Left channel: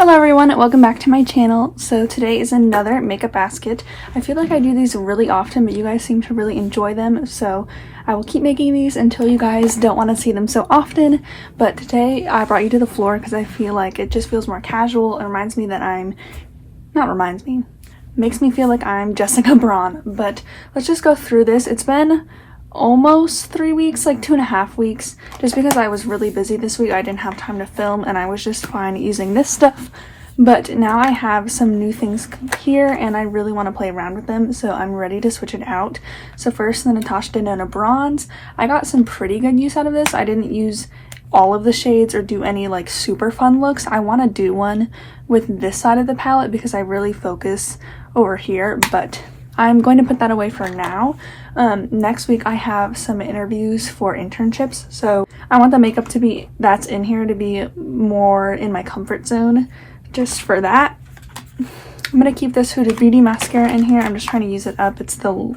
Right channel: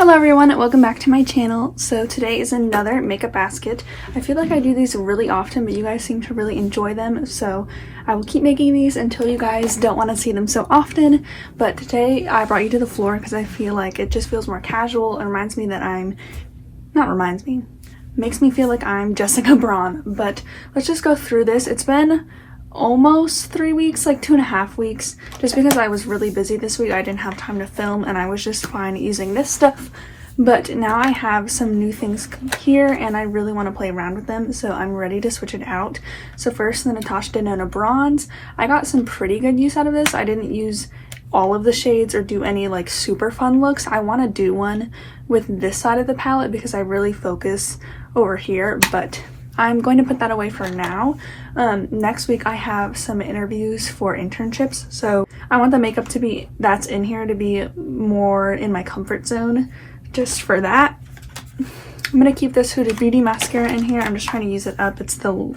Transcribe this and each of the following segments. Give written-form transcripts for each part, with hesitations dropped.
Hello everyone, welcome back to my channel. So today is another makeup basket. I feel like I do these really often, but you guys seem to really enjoy them, so I will keep making these until you guys don't want to see them so often. But today I brought you to the floor because I feel like it just feels more casual. It reminds me that makes me feel like I'm Jessica Braun. But let's just go through this. It's been almost 3 weeks, like 2.5 weeks, just because I was really busy this week. I didn't have time to film and I was just fine using this stuff. But now I have some new things here and I really want to play around with them, so I'm ready to switch it out. So first, the Natasha Denona bronze. I got some pretty good use out of this. I didn't use all of the shades or do any like super fun looks. I want to do one with this side of the palette because I really focus over here, but I'm going to put that away for now. Next week I have some interviews for internships, so I want the makeup that's in here to be more in my comfort zone just for that. I'm going to keep this Huda Beauty mascara in here. I'm just trying to use it up. It's the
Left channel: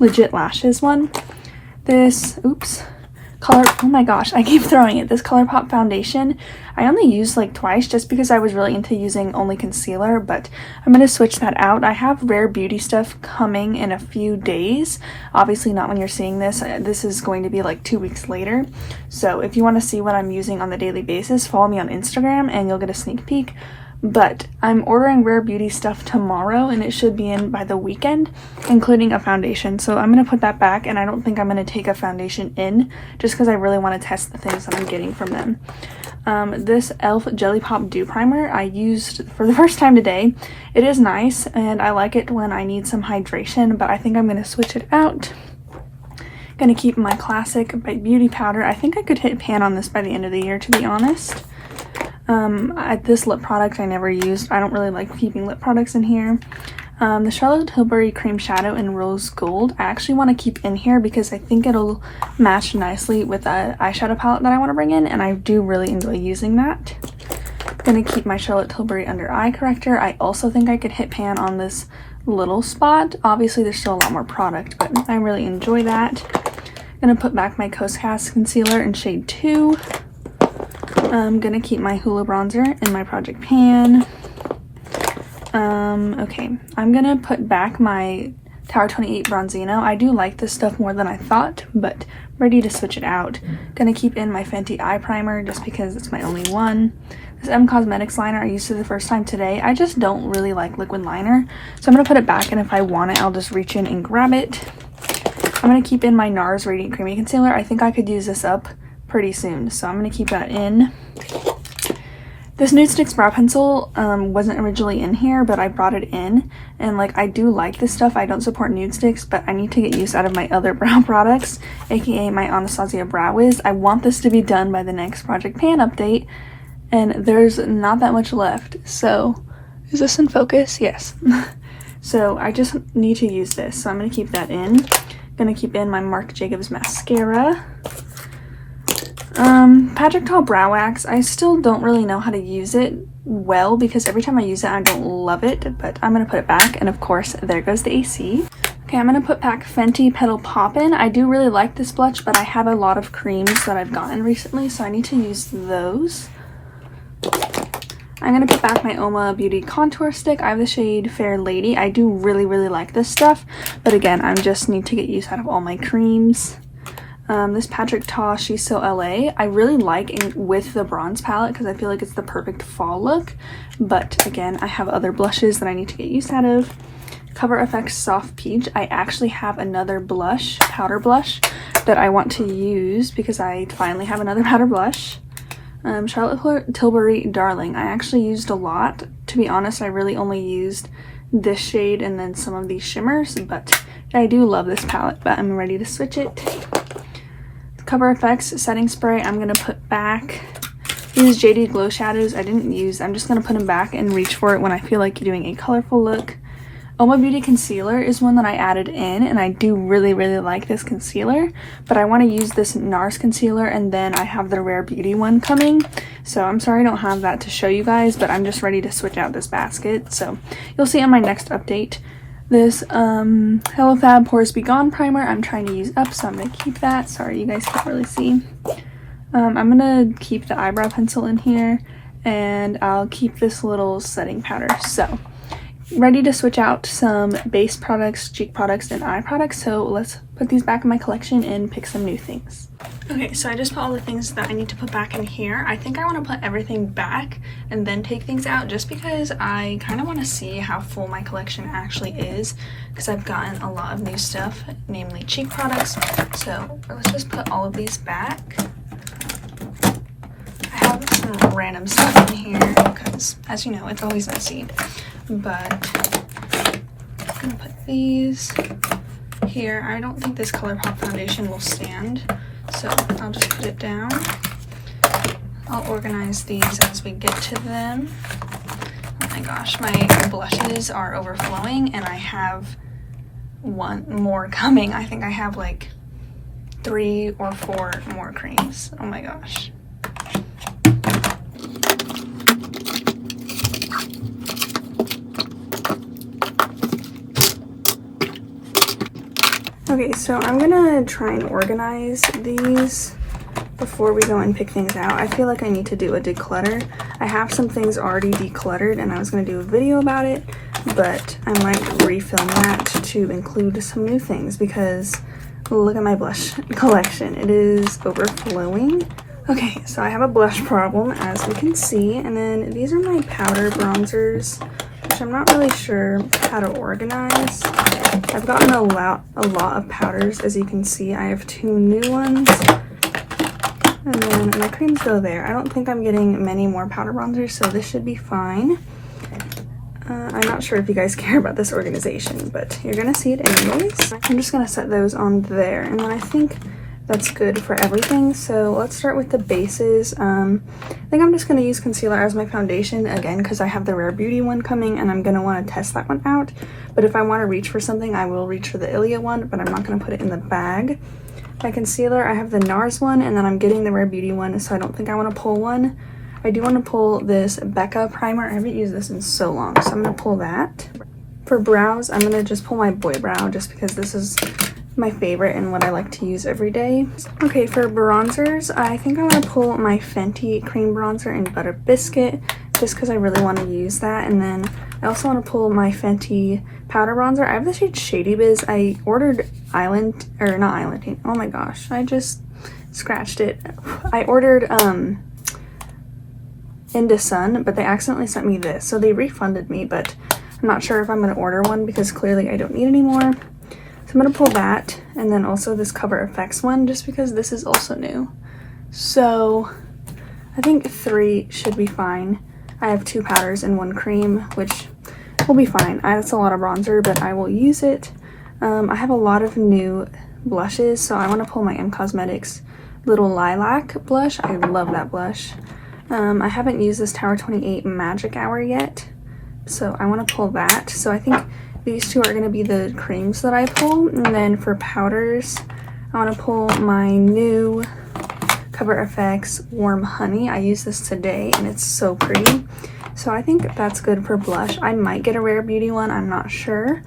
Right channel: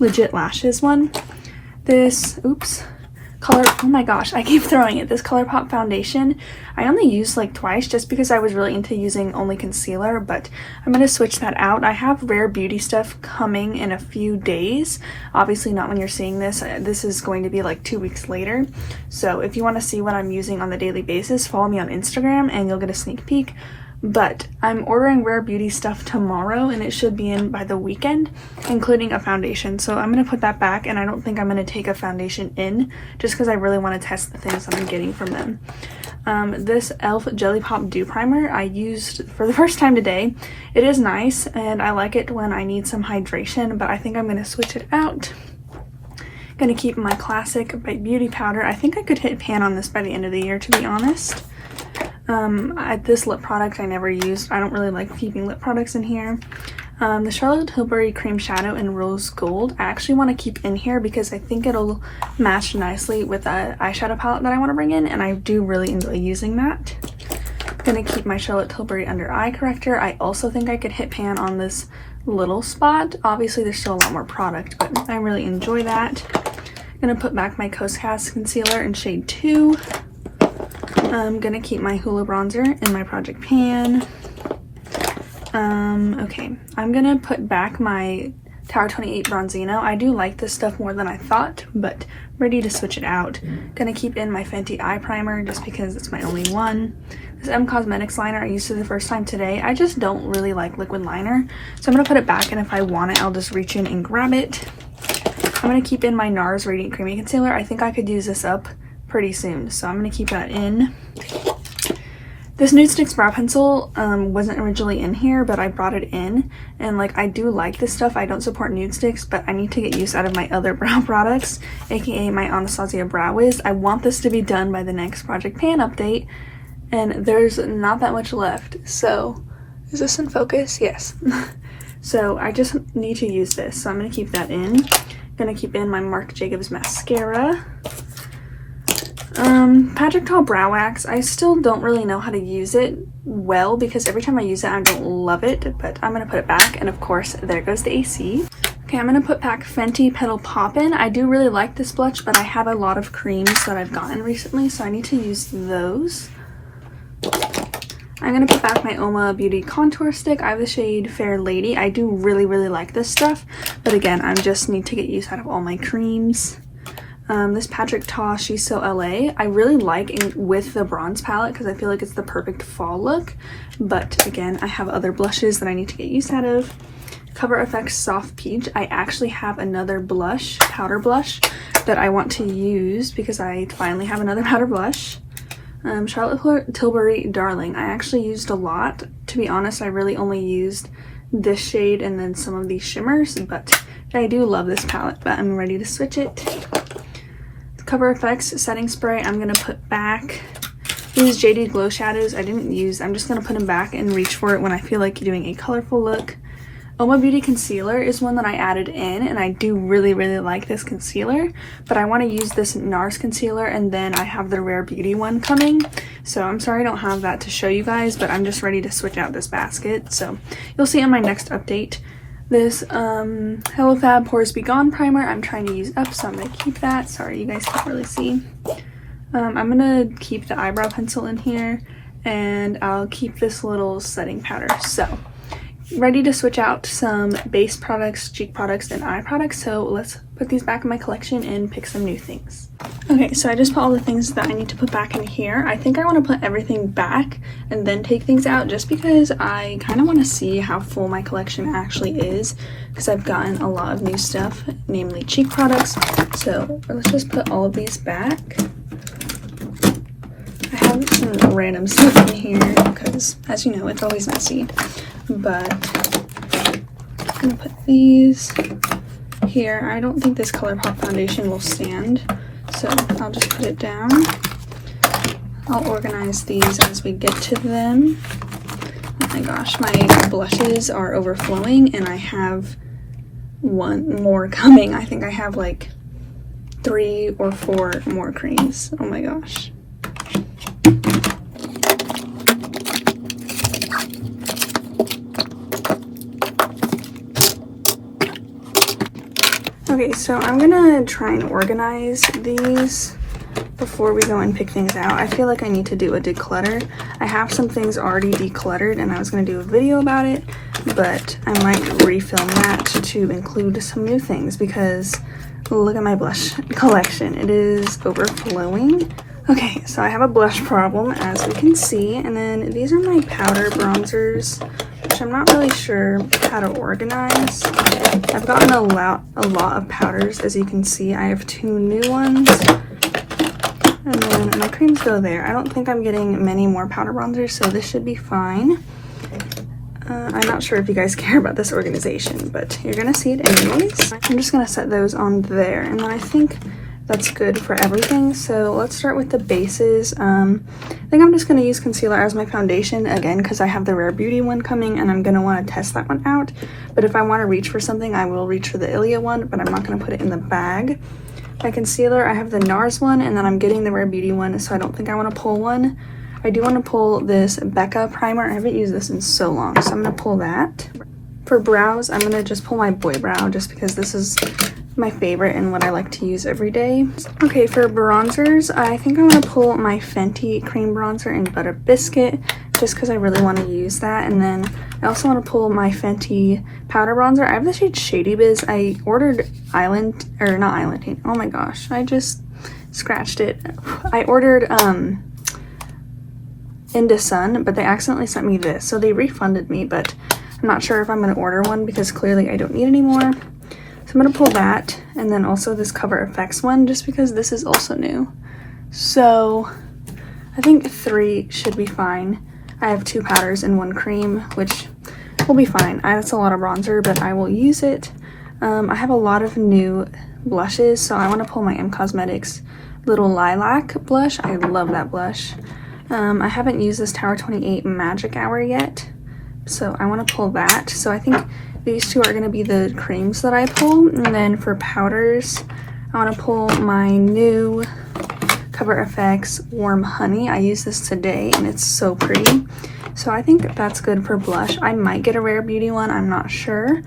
Legit Lashes one. This, oh my gosh, I keep throwing it. This ColourPop foundation, I only used like twice just because I was really into using only concealer, but I'm going to switch that out. I have Rare Beauty stuff coming in a few days. Obviously not when you're seeing this. This is going to be like 2 weeks later. So if you want to see what I'm using on a daily basis, follow me on Instagram and you'll get a sneak peek. But I'm ordering Rare Beauty stuff tomorrow and it should be in by the weekend, including a foundation. So I'm going to put that back, and I don't think I'm going to take a foundation in just because I really want to test the things that I'm getting from them. This e.l.f. Jelly Pop Dew Primer I used for the first time today. It is nice and I like it when I need some hydration, but I think I'm going to switch it out. Going to keep my classic beauty powder. I think I could hit pan on this by the end of the year, to be honest. This lip product I never used. I don't really like keeping lip products in here. The Charlotte Tilbury Cream Shadow in Rose Gold I actually want to keep in here because I think it'll match nicely with the eyeshadow palette that I want to bring in, and I do really enjoy using that. Gonna keep my Charlotte Tilbury Under Eye Corrector. I also think I could hit pan on this little spot. Obviously there's still a lot more product, but I really enjoy that. Gonna put back my Coast Cast Concealer in shade 2. I'm gonna keep my Hoola bronzer in my project pan. Okay, I'm gonna put back my Tower 28 Bronzino. I do like this stuff more than I thought, but ready to switch it out. Gonna keep in my Fenty eye primer just because it's my only one. This M Cosmetics liner I used it the first time today. I just don't really like liquid liner, so I'm gonna put it back, and if I want it, I'll just reach in and grab it. I'm gonna keep in my NARS Radiant Creamy Concealer. I think I could use this up pretty soon, so I'm going to keep that in. This Nude Sticks brow pencil wasn't originally in here, but I brought it in, and like I do like this stuff. I don't support Nude Sticks, but I need to get use out of my other brow products, aka my Anastasia Brow Wiz. I want this to be done by the next Project Pan update, and there's not that much left. So is this in focus? Yes. So I just need to use this, so I'm going to keep that in. Gonna keep in my Marc Jacobs mascara. Patrick Ta Brow Wax. I still don't really know how to use it well because every time I use it I don't love it, but I'm gonna put it back, and of course there goes the AC. Okay, I'm gonna put back Fenty Petal Poppin'. I do really like this blush, but I have a lot of creams that I've gotten recently, so I need to use those. I'm gonna put back my Oma Beauty Contour Stick. I have the shade Fair Lady. I do really like this stuff, but again, I just need to get use out of all my creams. This Patrick Ta She's So LA I really like with the bronze palette because I feel like it's the perfect fall look, but again, I have other blushes that I need to get use out of. Cover FX Soft Peach. I actually have another blush, powder blush, that I want to use because I finally have another powder blush. Charlotte Tilbury Darling. I actually used a lot. To be honest, I really only used this shade and then some of these shimmers, but I do love this palette, but I'm ready to switch it. Cover FX Setting Spray I'm going to put back. These JD Glow Shadows I didn't use. I'm just going to put them back and reach for it when I feel like doing a colorful look. Oma Beauty Concealer is one that I added in, and I do really like this concealer, but I want to use this NARS concealer, and then I have the Rare Beauty one coming, so I'm sorry I don't have that to show you guys, but I'm just ready to switch out this basket, so you'll see on my next update. This Hello Fab Pores Be Gone primer I'm trying to use up, so I'm going to keep that. Sorry, you guys can't really see. I'm going to keep the eyebrow pencil in here, and I'll keep this little setting powder. So ready to switch out some base products, cheek products, and eye products. So let's put these back in my collection and pick some new things. Okay, so I just put all the things that I need to put back in here. I think I want to put everything back and then take things out, just because I kind of want to see how full my collection actually is, because I've gotten a lot of new stuff, namely cheek products. So let's just put all of these back. I have some random stuff in here because, as you know, it's always messy. But I'm gonna put these here. I don't think this ColourPop foundation will stand, so I'll just put it down. I'll organize these as we get to them. Oh my gosh, my blushes are overflowing and I have one more coming. I think I have like 3 or 4 more creams. Oh my gosh. Okay, so I'm gonna try and organize these before we go and pick things out. I feel like I need to do a declutter. I have some things already decluttered and I was gonna do a video about it, but I might refilm that to include some new things because look at my blush collection. It is overflowing. Okay, so I have a blush problem, as you can see, and then these are my powder bronzers, which I'm not really sure how to organize. I've gotten a lot of powders, as you can see. I have 2 new ones, and then the creams go there. I don't think I'm getting many more powder bronzers, so this should be fine. I'm not sure if you guys care about this organization, but you're gonna see it anyways. I'm just gonna set those on there, and I think that's good for everything. So let's start with the bases. I think I'm just going to use concealer as my foundation again because I have the Rare Beauty one coming and I'm going to want to test that one out. But if I want to reach for something, I will reach for the Ilia one, but I'm not going to put it in the bag. My concealer, I have the NARS one, and then I'm getting the Rare Beauty one, so I don't think I want to pull one. I do want to pull this Becca primer. I haven't used this in so long, so I'm going to pull that. For brows, I'm going to just pull my Boy Brow just because this is my favorite and what I like to use every day. Okay, for bronzers, I think I'm going to pull my Fenty cream bronzer in Butter Biscuit just because I really want to use that. And then I also want to pull my Fenty powder bronzer. I have the shade Shady Biz. I ordered Island, or not Island, oh my gosh, I just scratched it. I ordered Into Sun, but they accidentally sent me this, so they refunded me, but I'm not sure if I'm going to order one because clearly I don't need any more. So I'm going to pull that, and then also this Cover FX one just because this is also new. So I think 3 should be fine. I have 2 powders and 1 cream, which will be fine. That's a lot of bronzer, but I will use it. I have a lot of new blushes, so I'm going to pull my M Cosmetics Little Lilac blush. I love that blush. I haven't used this Tower 28 Magic Hour yet, so I want to pull that. So I think these 2 are going to be the creams that I pull. And then for powders, I want to pull my new Cover FX Warm Honey. I used this today and it's so pretty. So I think that's good for blush. I might get a Rare Beauty one, I'm not sure,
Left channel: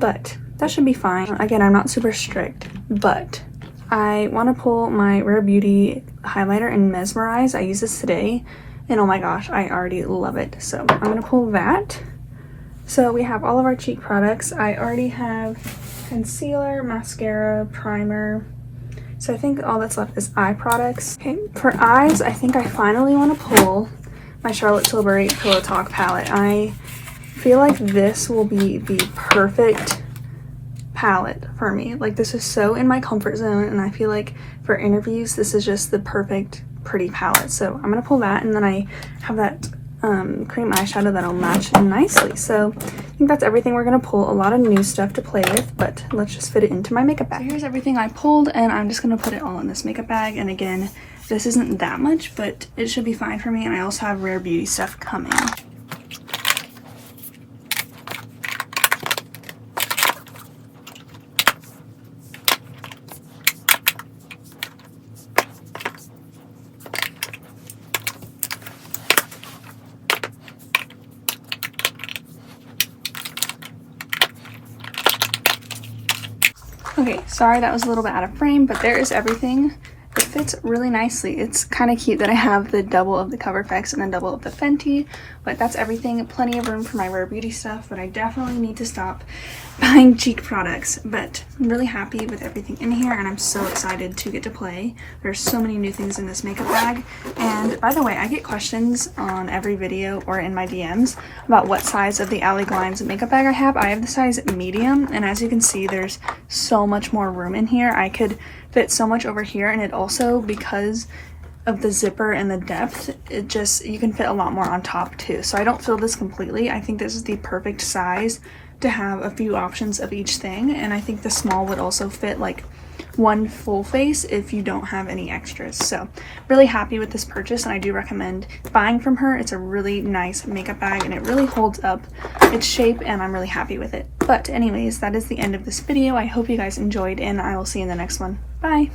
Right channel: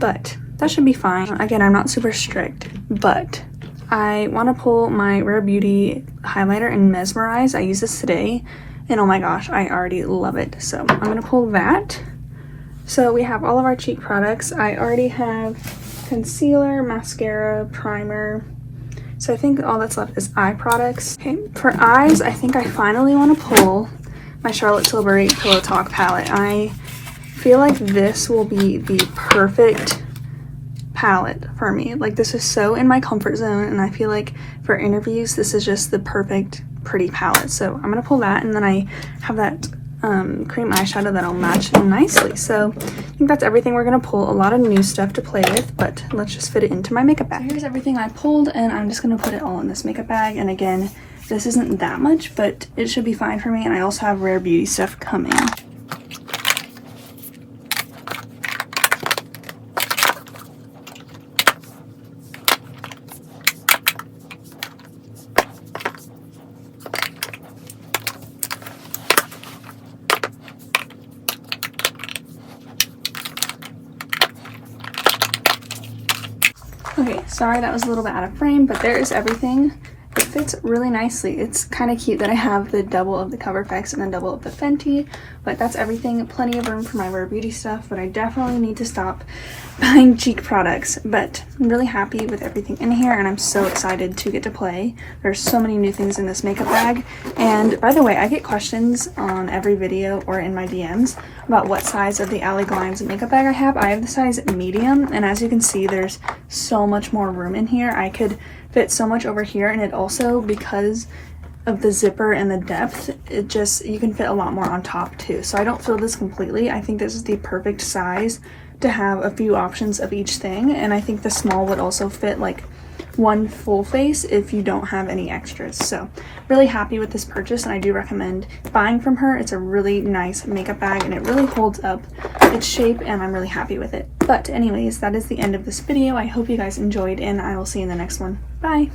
but that should be fine. Again, I'm not super strict, but I want to pull my Rare Beauty highlighter in Mesmerize. I used this today and oh my gosh, I already love it. So I'm going to pull that. So we have all of our cheek products. I already have concealer, mascara, primer. So I think all that's left is eye products. Okay, for eyes, I think I finally want to pull my Charlotte Tilbury Pillow Talk palette. I feel like this will be the perfect palette for me. Like, this is so in my comfort zone, and I feel like for interviews, this is just the perfect pretty palette. So I'm gonna pull that, and then I have that cream eyeshadow that'll match nicely. So I think that's everything. We're gonna pull a lot of new stuff to play with, but let's just fit it into my makeup bag. So here's everything I pulled, and I'm just gonna put it all in this makeup bag. And again, this isn't that much, but it should be fine for me. And I also have Rare Beauty stuff coming. Okay, sorry that was a little bit out of frame, but there is everything. It's fits really nicely. It's kind of cute that I have the double of the Cover FX and then double of the Fenty, but that's everything. Plenty of room for my Rare Beauty stuff, but I definitely need to stop buying cheap products. But I'm really happy with everything in here, and I'm so excited to get to play. There's so many new things in this makeup bag. And by the way, I get questions on every video or in my DMs about what size of the Ally Glimes makeup bag I have. I have the size medium, and as you can see, there's so much more room in here. I could fit so much over here, and it also, because of the zipper and the depth, it just, you can fit a lot more on top too. So I don't fill this completely. I think this is the perfect size to have a few options of each thing, and I think the small would also fit like one full face if you don't have any extras. So really happy with this purchase, and I do recommend buying from her. It's a really nice makeup bag, and it really holds up its shape, and I'm really happy with it. But anyways, that is the end of this video. I hope you guys enjoyed, and I will see you in the next one. Bye.